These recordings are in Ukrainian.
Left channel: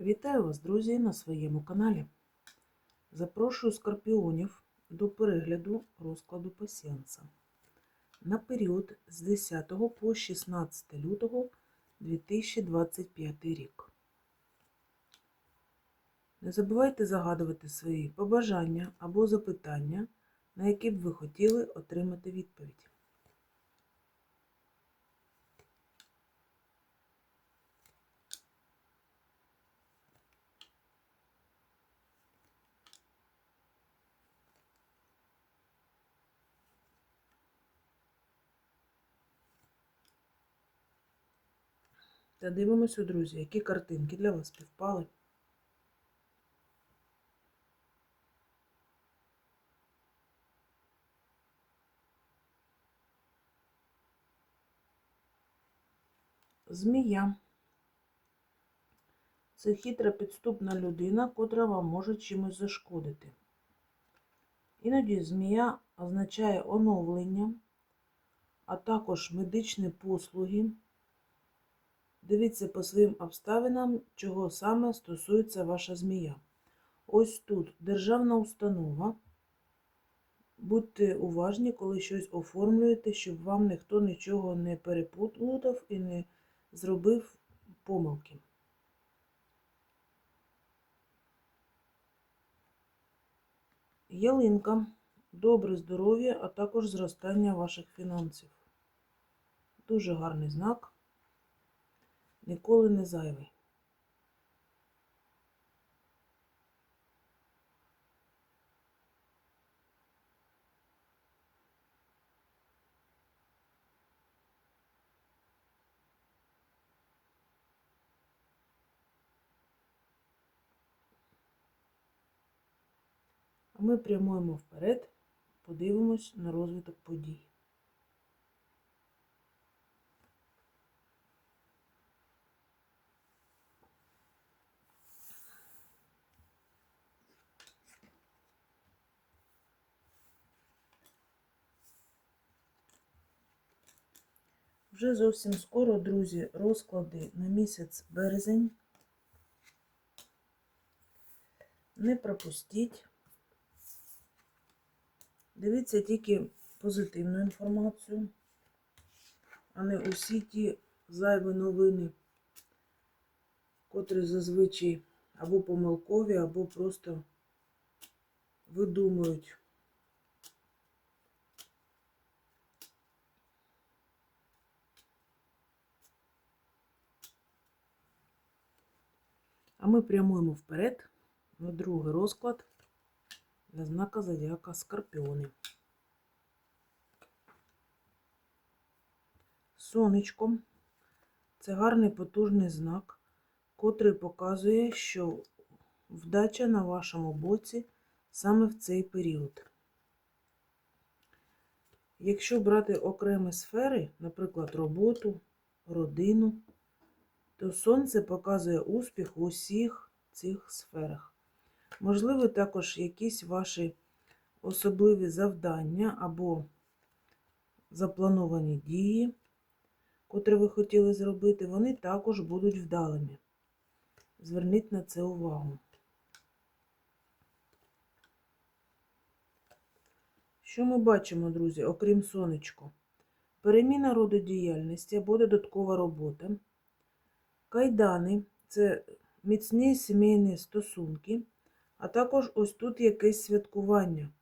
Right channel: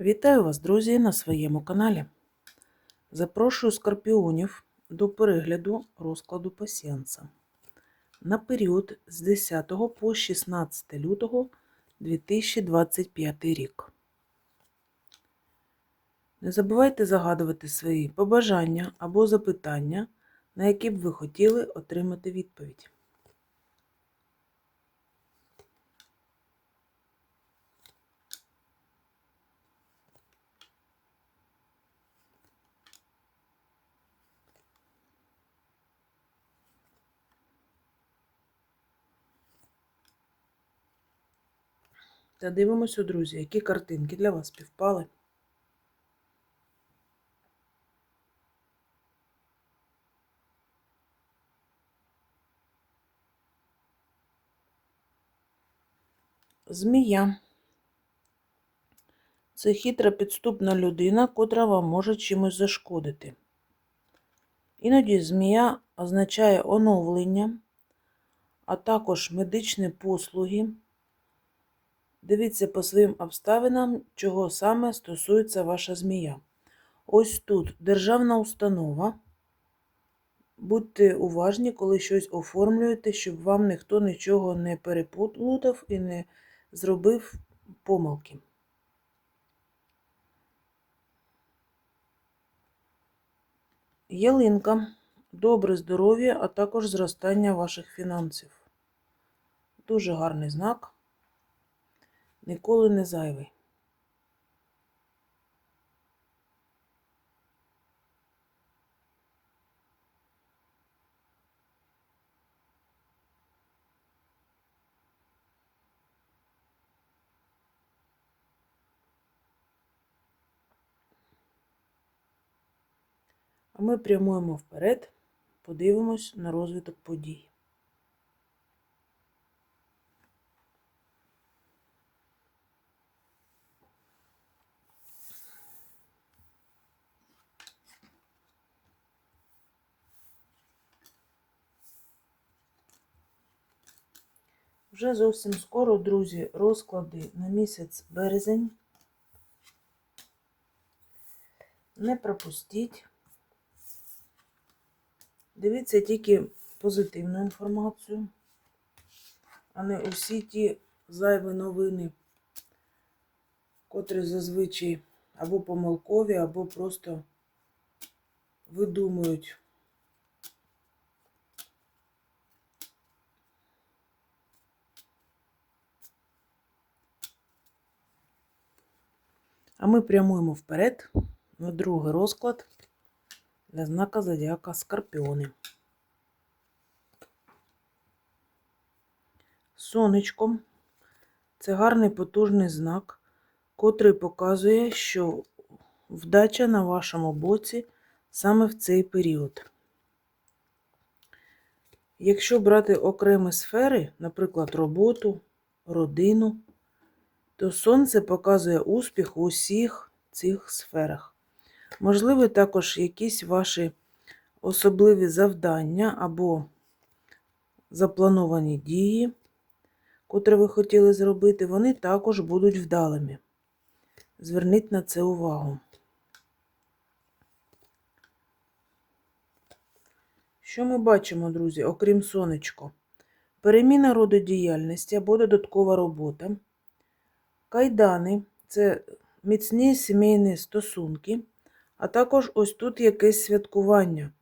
Вітаю вас, друзі, на своєму каналі. Запрошую скорпіонів до перегляду розкладу пасіанса на період з 10 по 16 лютого 2025 рік. Не забувайте загадувати свої побажання або запитання, на які б ви хотіли отримати відповідь. Та дивимося, друзі, які картинки для вас співпали. Змія. Це хитра підступна людина, котра вам може чимось зашкодити. Іноді змія означає оновлення, а також медичні послуги. Дивіться по своїм обставинам, чого саме стосується ваша змія. Ось тут державна установа. Будьте уважні, коли щось оформлюєте, щоб вам ніхто нічого не переплутав і не зробив помилки. Ялинка. Добре здоров'я, а також зростання ваших фінансів. Дуже гарний знак. Ніколи не зайвий. А ми прямуємо вперед, подивимось на розвиток подій. Вже зовсім скоро, друзі, розклади на місяць березень. Не пропустіть. Дивіться тільки позитивну інформацію, а не усі ті зайві новини, котрі зазвичай або помилкові, або просто видумують. А ми прямуємо вперед на другий розклад для знака зодіака Скорпіони. Сонечко це гарний потужний знак, котрий показує, що вдача на вашому боці саме в цей період. Якщо брати окремі сфери, наприклад, роботу, родину, то сонце показує успіх у усіх цих сферах. Можливо, також якісь ваші особливі завдання або заплановані дії, котрі ви хотіли зробити, вони також будуть вдалими. Зверніть на це увагу. Що ми бачимо, друзі, окрім сонечко? Переміна роду діяльності або додаткова робота. Кайдани це міцні сімейні стосунки, а також ось тут якесь святкування.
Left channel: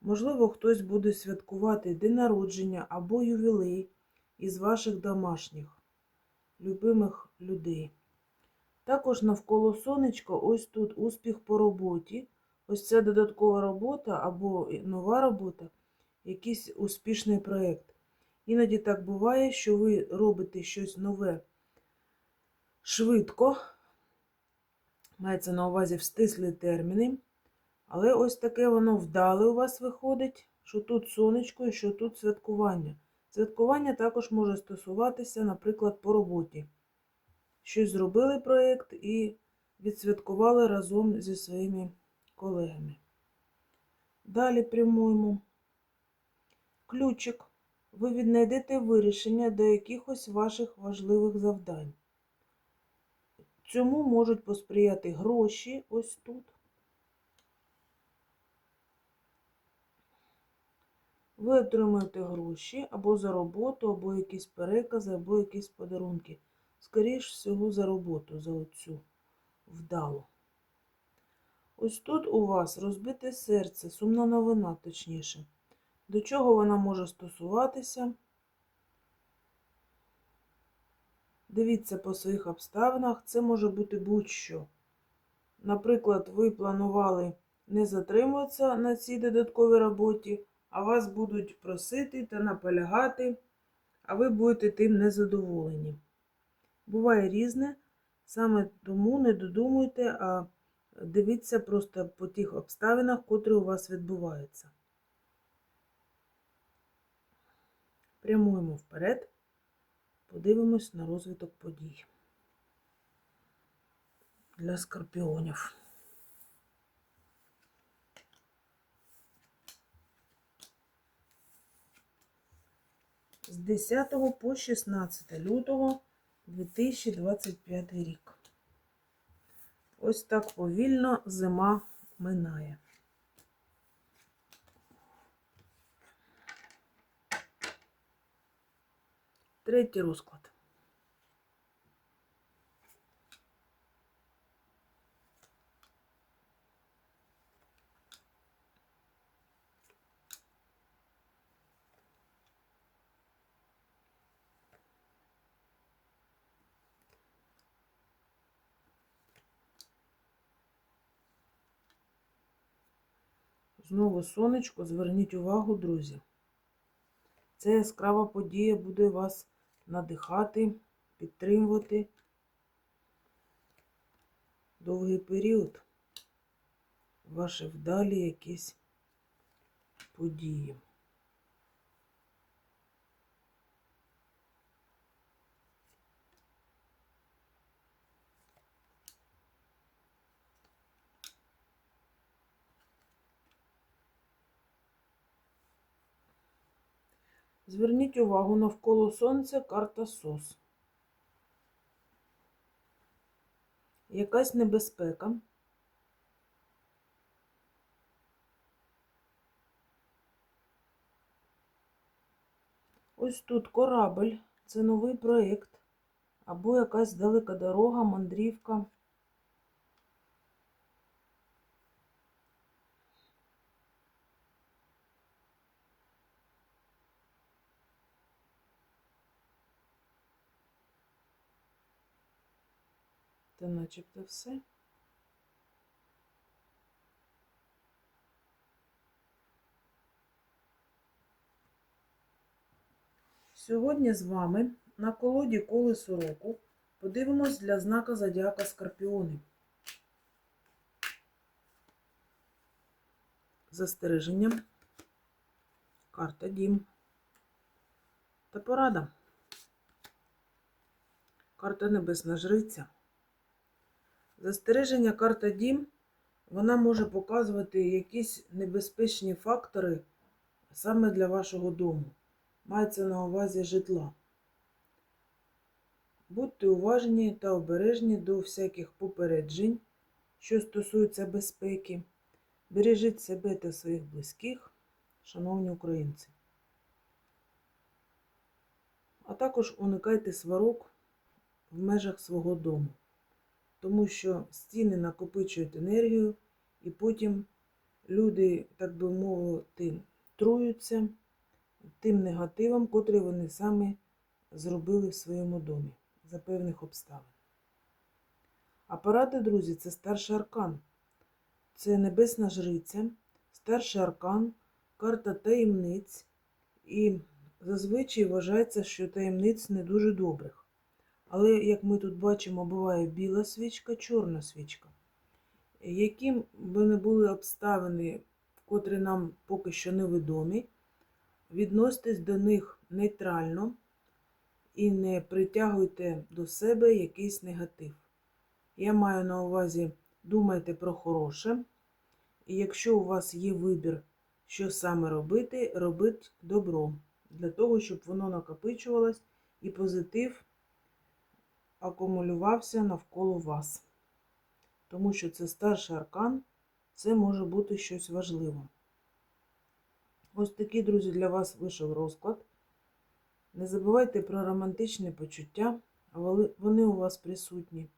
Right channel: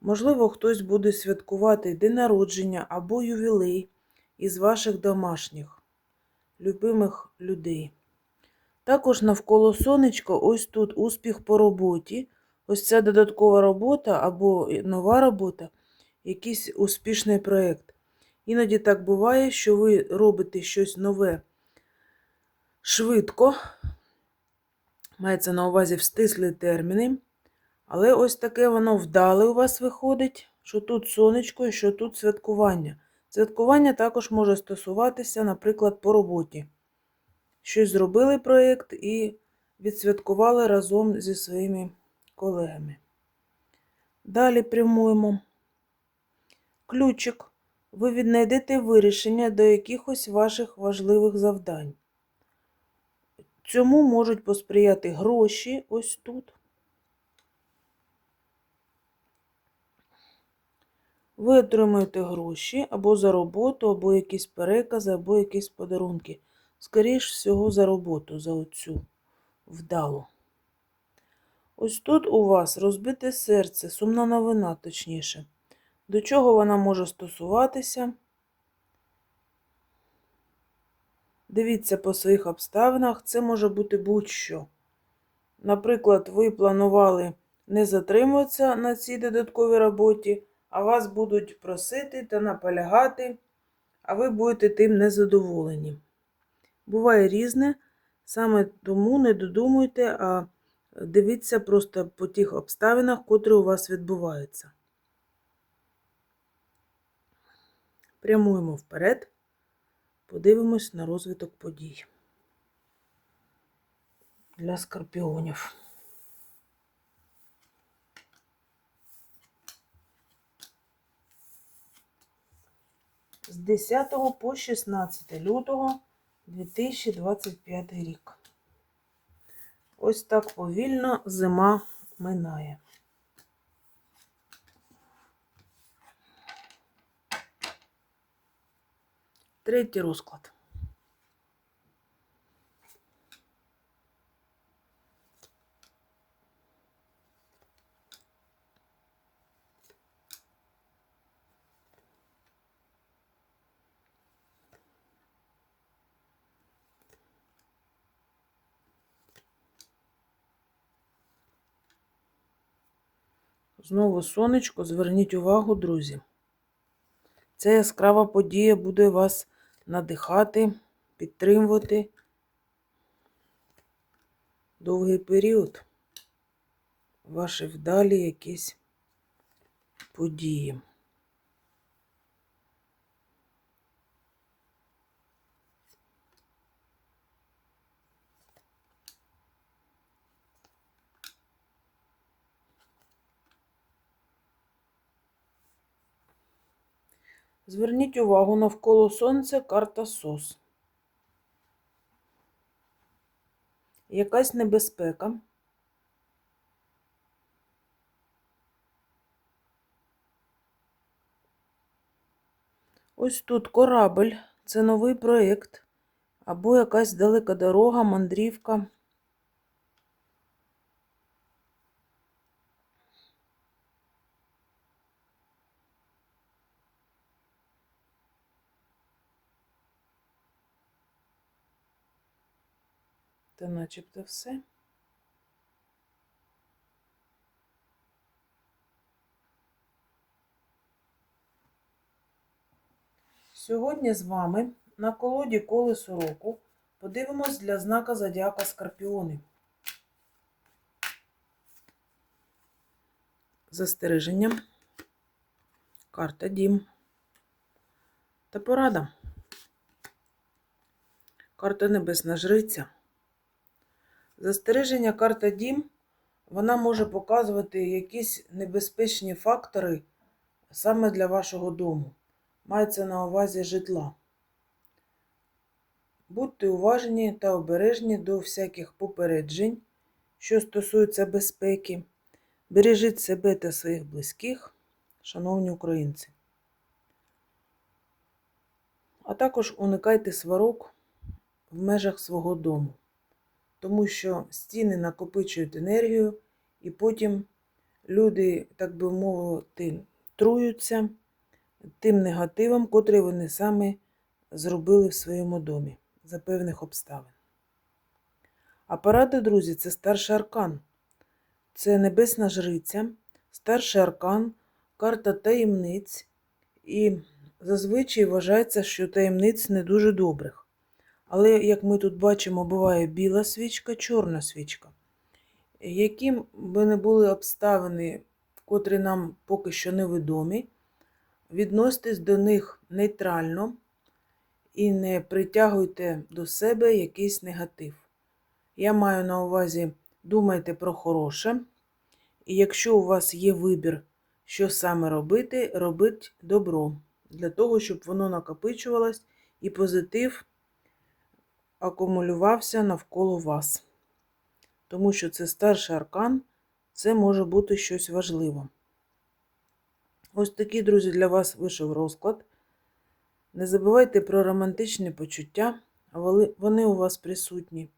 Можливо, хтось буде святкувати день народження або ювілей із ваших домашніх, любимих людей. Також навколо сонечка, ось тут успіх по роботі. Ось ця додаткова робота або нова робота, якийсь успішний проєкт. Іноді так буває, що ви робите щось нове швидко, мається на увазі в стислі терміни. Але ось таке воно вдале у вас виходить, що тут сонечко і що тут святкування. Святкування також може стосуватися, наприклад, по роботі. Щось зробили проєкт і відсвяткували разом зі своїми колегами. Далі прямуємо. Ключик. Ви віднайдете вирішення до якихось ваших важливих завдань. Цьому можуть посприяти гроші ось тут. Ви отримуєте гроші або за роботу, або якісь перекази, або якісь подарунки. Скоріш всього, за роботу, за оцю вдалу. Ось тут у вас розбите серце, сумна новина, точніше. До чого вона може стосуватися? Дивіться по своїх обставинах, це може бути будь-що. Наприклад, ви планували не затримуватися на цій додатковій роботі, а вас будуть просити та наполягати, а ви будете тим незадоволені. Буває різне, саме тому не додумуйте, а дивіться просто по тих обставинах, котрі у вас відбуваються. Прямуємо вперед, подивимось на розвиток подій для скорпіонів. З 10 по 16 лютого 2025 рік. Ось так повільно зима минає. Третій розклад. Знову сонечко, зверніть увагу, друзі. Ця яскрава подія буде вас надихати, підтримувати довгий період. Ваші вдалі якісь події. Зверніть увагу навколо сонця карта СОС. Якась небезпека. Ось тут корабль, це новий проєкт, або якась далека дорога, мандрівка. Та начебто все. Сьогодні з вами на колоді колесо року подивимось для знака Зодіака Скорпіони. Застереження, карта Дім та порада. Карта Небесна Жриця. Застереження карта Дім, вона може показувати якісь небезпечні фактори саме для вашого дому. Мається на увазі житла. Будьте уважні та обережні до всяких попереджень, що стосуються безпеки. Бережіть себе та своїх близьких, шановні українці. А також уникайте сварок в межах свого дому тому що стіни накопичують енергію, і потім люди, так би мовити, труються тим негативом, котрий вони самі зробили в своєму домі за певних обставин. Апарати, друзі, це старший аркан. Це небесна жриця, старший аркан, карта таємниць. І зазвичай вважається, що таємниць не дуже добрих. Але, як ми тут бачимо, буває біла свічка, чорна свічка. Яким би не були обставини, котрі нам поки що невідомі, відноситесь до них нейтрально і не притягуйте до себе якийсь негатив. Я маю на увазі, думайте про хороше. І якщо у вас є вибір, що саме робити, робіть добро, для того, щоб воно накопичувалось і позитив акумулювався навколо вас. Тому що це старший аркан, це може бути щось важливе. Ось такий, друзі, для вас вийшов розклад. Не забувайте про романтичні почуття, вони у вас присутні.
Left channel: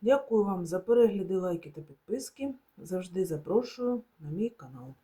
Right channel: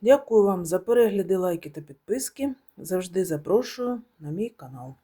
Дякую вам за перегляди, лайки та підписки. Завжди запрошую на мій канал.